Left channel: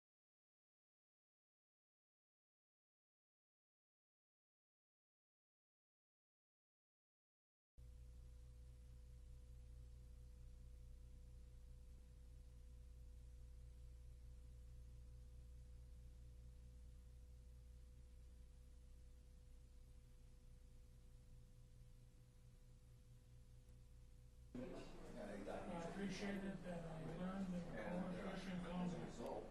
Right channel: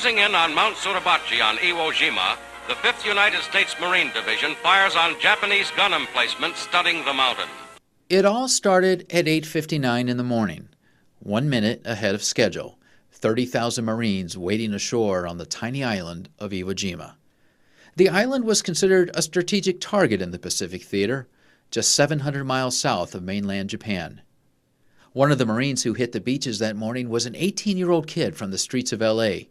Closing in on Mount Suribachi on Iwo Jima, the 5th United States Marine Division fires on Japanese gun emplacements studding the mountain. It all started at 8:59 in the morning, 1 minute ahead of schedule. 30,000 Marines waiting ashore on the tiny island of Iwo Jima. The island was considered a strategic target in the Pacific Theater, just 700 miles south of mainland Japan. One of the Marines who hit the beaches that morning was an 18-year-old kid from the streets of L.A.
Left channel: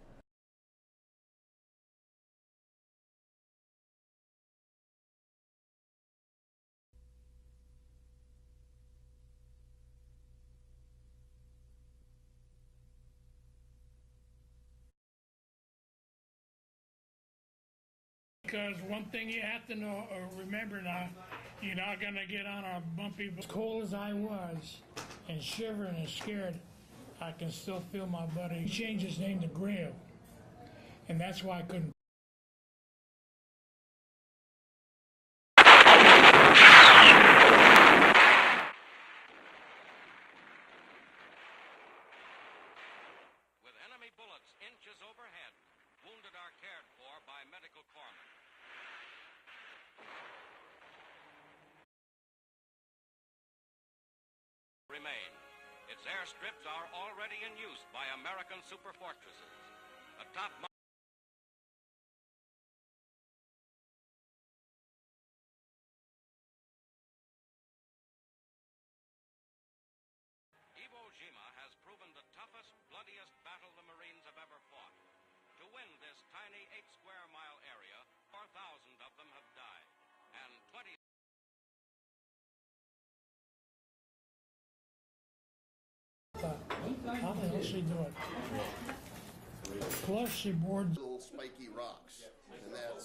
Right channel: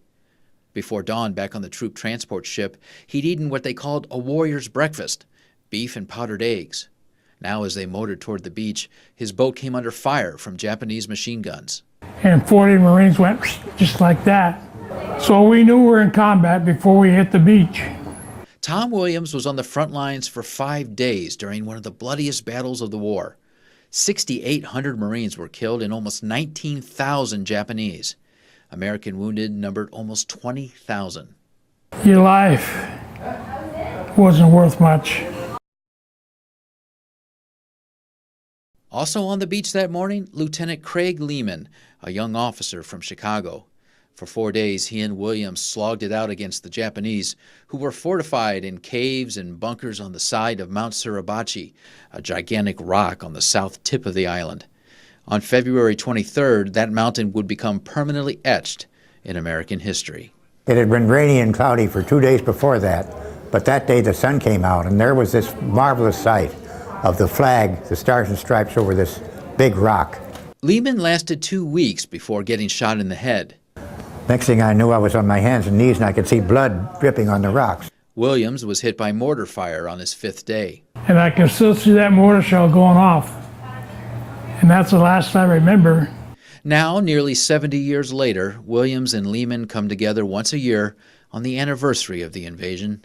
Before dawn, back on the troop transport ship, he'd eaten what they called a warrior's breakfast, beef and powdered eggs. Now, as they motored toward the beach, his boat came under fire from Japanese machine guns. And 40 Marines went just like that. So we knew we were in combat before we hit the beach. Tom Williams was on the front lines for 5 days during one of the bloodiest battles of the war. 6,800 Marines were killed and almost 19,000 Japanese. American wounded numbered almost 20,000. Your life wasn't worth much. Also on the beach that morning, Lieutenant Craig Lehman, a young officer from Chicago. For 4 days, he and Williams slogged it out against the Japanese, who were fortified in caves and bunkers on the side of Mount Suribachi, a gigantic rock on the south tip of the island. On February 23rd, that mountain would become permanently etched in American history. It had been rainy and cloudy for 2 days before that, but that day the sun came out, and there was this marvelous sight of the flag, the Stars and Stripes over this big rock. Lehman lasted 2 weeks before getting shot in the head. Next thing I knew, I was on my hands and knees, and I could see blood dripping on the rocks. Williams was hit by mortar fire on his 5th day. And I can still see that mortar shell going off. And that's the last I remember. Now, nearly 70 years later, Williams and Lehman come together once a year on the anniversary of the invasion.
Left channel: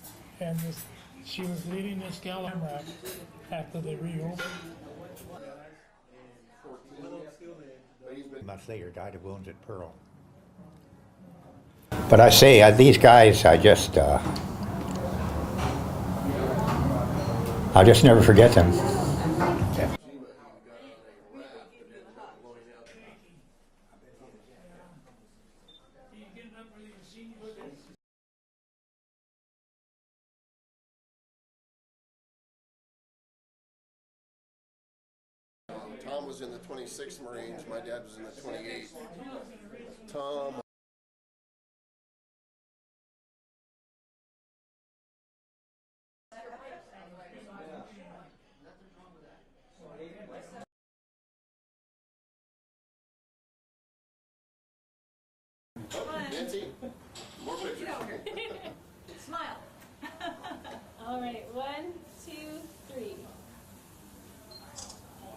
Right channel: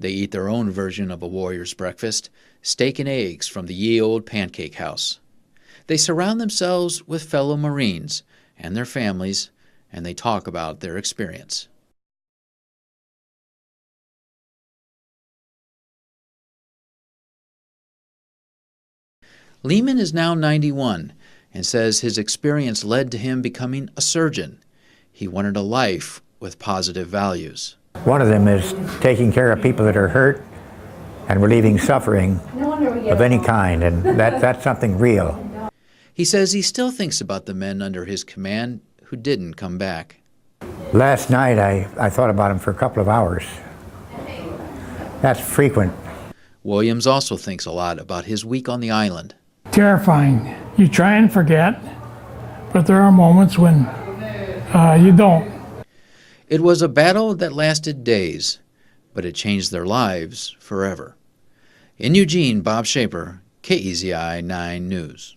They eat their own version of a warrior's breakfast, steak and eggs from the ye old pancake house. They surround themselves with fellow Marines and their families, and they talk about their experience. But I say, these guys, I'll just never forget them. Lehman is now 91 and says his experience led to him becoming a surgeon. He wanted a life with positive values. One of them is taking care of people that are hurt and relieving suffering of any kind, and that's something real. He says he still thinks about the men under his command who didn't come back. Last night, I thought about them for a couple of hours. That's frequent. Williams also thinks a lot about his week on the island. Terrifying. You try and forget, but there are moments when you don't. It was a battle that lasted days, but it changed their lives forever. In Eugene, Bob Shaper, KEZI 9 News.